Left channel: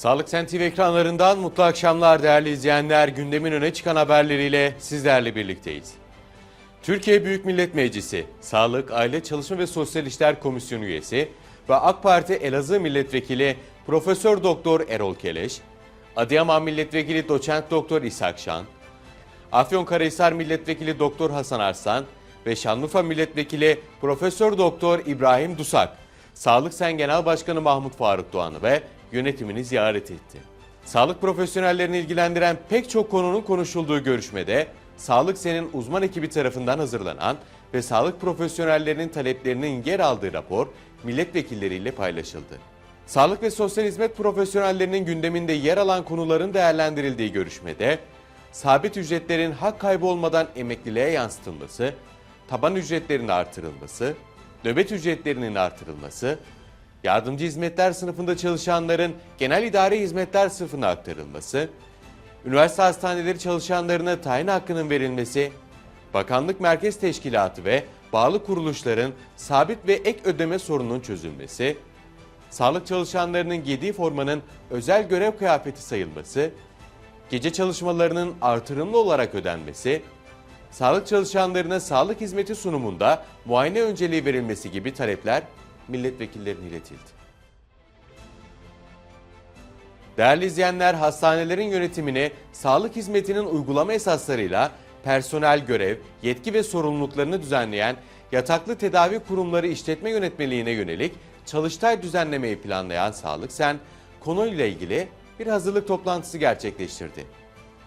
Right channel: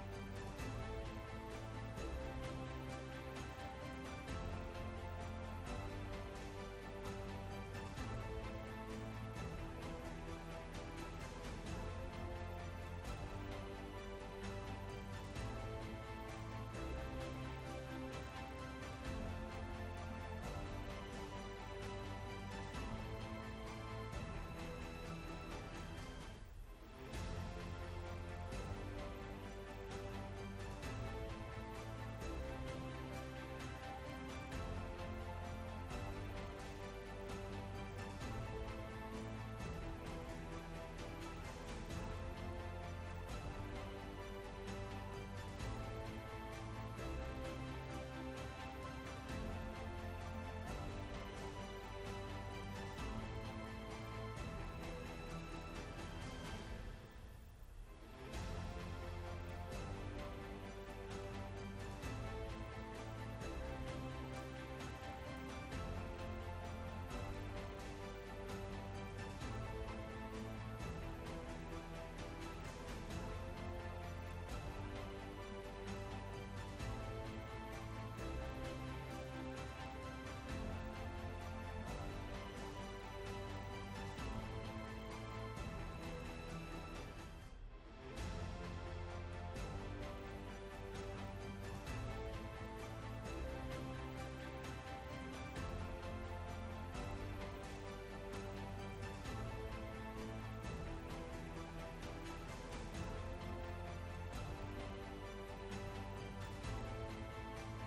Sağlık Sen TV ekranlarından mutlu akşamlar değerli izleyenler. Gündemin öne çıkan haberleriyle sizlerle birlikteyiz. Türkiye Büyük Millet Meclisi, Sağlık, Aile, Çalışma ve Sosyal İşler Komisyonu üyesi ve AK Parti Elazığ Milletvekili Profesör Doktor Erol Keleş, Adıyaman Milletvekili Doçent Doktor İshak Şan, Afyonkarahisar Milletvekili Doktor Hasan Arslan ve Şanlıurfa Milletvekili Profesör Doktor İbrahim Dusak, Sağlık Sen Genel Başkanı Mahmut Faruk Doğan'ı ve yönetimini ziyaret etti. Sağlık profesyonellerini ilgilendiren pek çok konunun konuşulduğu görüşmede Sağlık Sen'in uzman ekibi tarafından hazırlanan ve sağlık profesyonellerinin taleplerinin yer aldığı rapor milletvekilleriyle paylaşıldı. Sağlık ve sosyal hizmet profesyonellerinin gündeminde yer alan konuların değerlendirildiği görüşmede sabit ücretlerin hak kaybı olmadan emekliliğe yansıtılması, taban ücretlerinin artırılması, nöbet ücretlerinin artırılması, yardımcı hizmetler sınıfında çalışanların genel idare hizmetler sınıfına aktarılması, üniversite hastaneleri çalışanlarına tayin hakkının verilmesi, bakanlık merkez teşkilatı ve bağlı kuruluşların sabit ve ek ödeme sorununun çözülmesi, sağlık çalışanlarının giydiği formanın özel görev kıyafeti sayılması, gece çalışmalarının artırımlı olarak ödenmesi, sağlık çalışanlarına sağlık hizmeti sunumunda muayene önceliği verilmesi gibi talepler milletvekillerine iletildi. Değerli izleyenler, hastanelerin yönetimini sağlık hizmetinin uygulama esaslarıyla personel görev, yetki ve sorumluluklarını düzenleyen yataklı tedavi kurumları işletme yönetmeliğine yönelik çalıştay düzenlemeyi planlayan Sağlık Sen, konuyla ilgili bir hazırlık toplantısı gerçekleştirdi.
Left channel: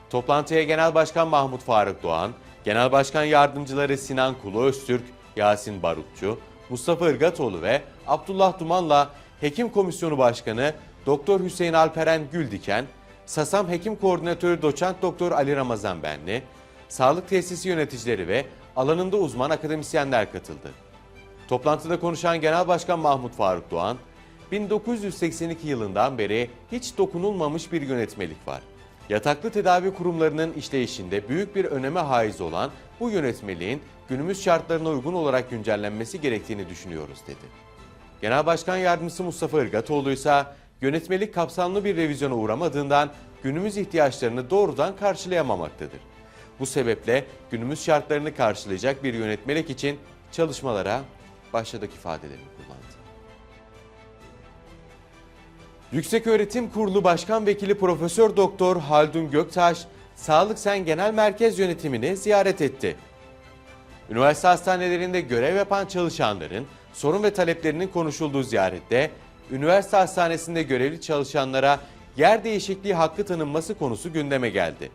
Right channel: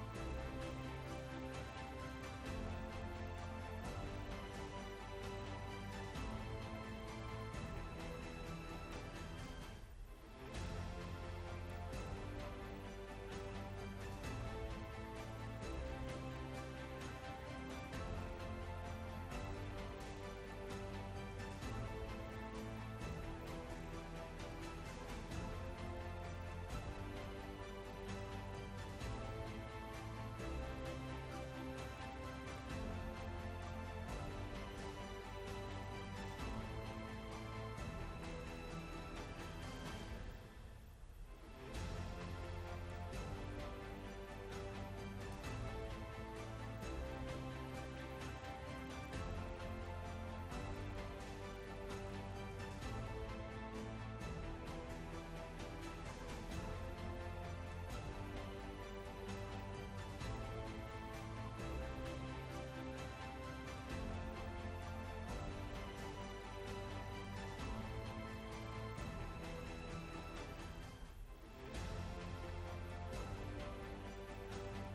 Toplantıya Genel Başkan Mahmut Faruk Doğan, Genel Başkan Yardımcıları Sinan Kulu Öztürk, Yasin Barukçu, Mustafa Irgatoğlu ve Abdullah Duman'la Hekim Komisyonu Başkanı Doktor Hüseyin Alperen Güldiken, SASAM Hekim Koordinatörü Doçent Doktor Ali Ramazan Benli, sağlık tesisi yöneticileri ve alanında uzman akademisyenler katıldı. Toplantıda konuşan Genel Başkan Mahmut Faruk Doğan, 1982 yılından beri hiç dokunulmamış bir yönetmelik var. Yataklı tedavi kurumlarının işleyişinde büyük bir öneme haiz olan bu yönetmeliğin günümüz şartlarına uygun olarak güncellenmesi gerektiğini düşünüyoruz dedi. Genel Başkan Yardımcısı Mustafa Irgatoğlu ise yönetmelik kapsamlı bir revizyona uğramadığından günümüz ihtiyaçlarını doğrudan karşılayamamaktadır. Bu sebeple günümüz şartlarını karşılayacak bir yönetmelik için çalışmalara başladık ifadelerini Yükseköğretim Kurulu Başkan Vekili Profesör Doktor Haldun Göktaş, Sağlık Sen Genel Merkez Yönetimini ziyaret etti. Üniversite hastanelerinde görev yapan çalışanların sorun ve taleplerinin konuşulduğu ziyarette, üniversite hastanesinde görevli çalışanlara yer değişikliği hakkı tanınması konusu gündeme geldi.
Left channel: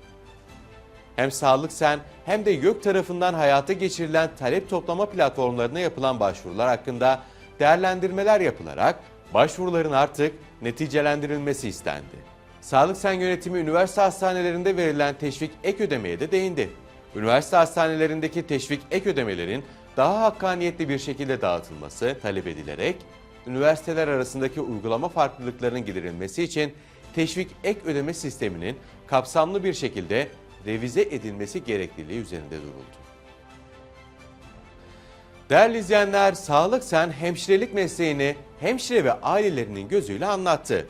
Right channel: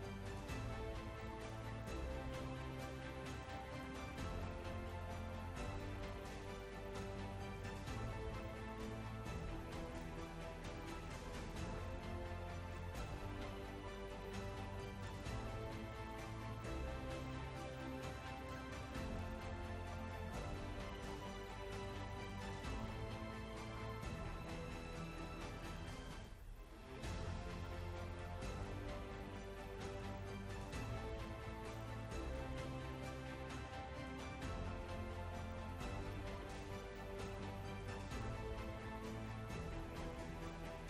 Hem Sağlık Sen hem de YÖK tarafından hayata geçirilen talep toplama platformlarına yapılan başvurular hakkında değerlendirmeler yapılarak başvuruların artık neticelendirilmesi istendi. Sağlık Sen yönetimi üniversite hastanelerinde verilen teşvik ek ödemeye de değindi. Üniversite hastanelerindeki teşvik ek ödemelerin daha hakkaniyetli bir şekilde dağıtılması talep edilerek üniversiteler arasındaki uygulama farklılıklarının giderilmesi için teşvik ek ödeme sisteminin kapsamlı bir şekilde revize edilmesi gerekliliği üzerinde duruldu. Değerli izleyenler, Sağlık Sen hemşirelik mesleğini hemşire ve ailelerinin gözüyle anlattı.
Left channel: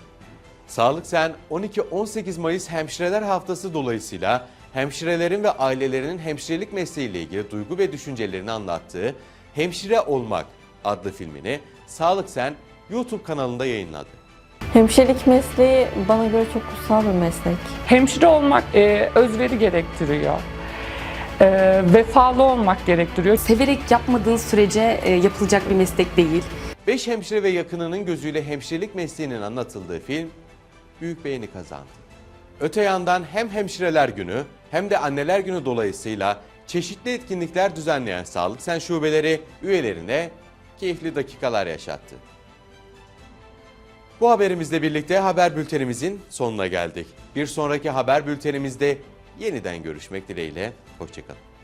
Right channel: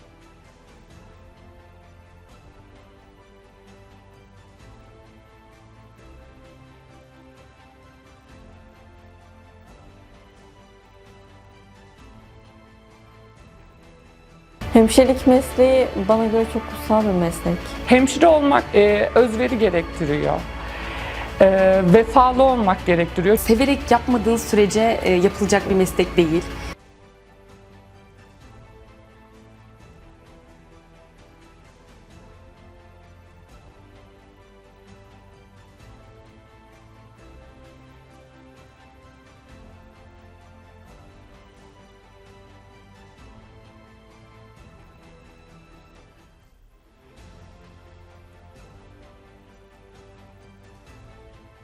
Sağlık Sen 12-18 Mayıs Hemşireler Haftası dolayısıyla hemşirelerin ve ailelerinin hemşirelik mesleğiyle ilgili duygu ve düşüncelerini anlattığı Hemşire Olmak adlı filmini Sağlık Sen YouTube kanalında yayınladı. Hemşirelik mesleği bana göre çok kutsal bir meslek. Hemşire olmak e, özveri gerektiriyor. E, vefalı olmak gerektiriyor. Severek yapmadığın sürece e, yapılacak bir meslek değil. 5 hemşire ve yakınının gözüyle hemşirelik mesleğinin anlatıldığı film büyük beğeni kazandı. Öte yandan hem hemşireler günü hem de anneler günü dolayısıyla çeşitli etkinlikler düzenleyen Sağlık Sen şubeleri üyelerine keyifli dakikalar yaşattı. Bu haberimizle birlikte haber bültenimizin sonuna geldik. Bir sonraki haber bültenimizde yeniden görüşmek dileğiyle. Hoşçakalın.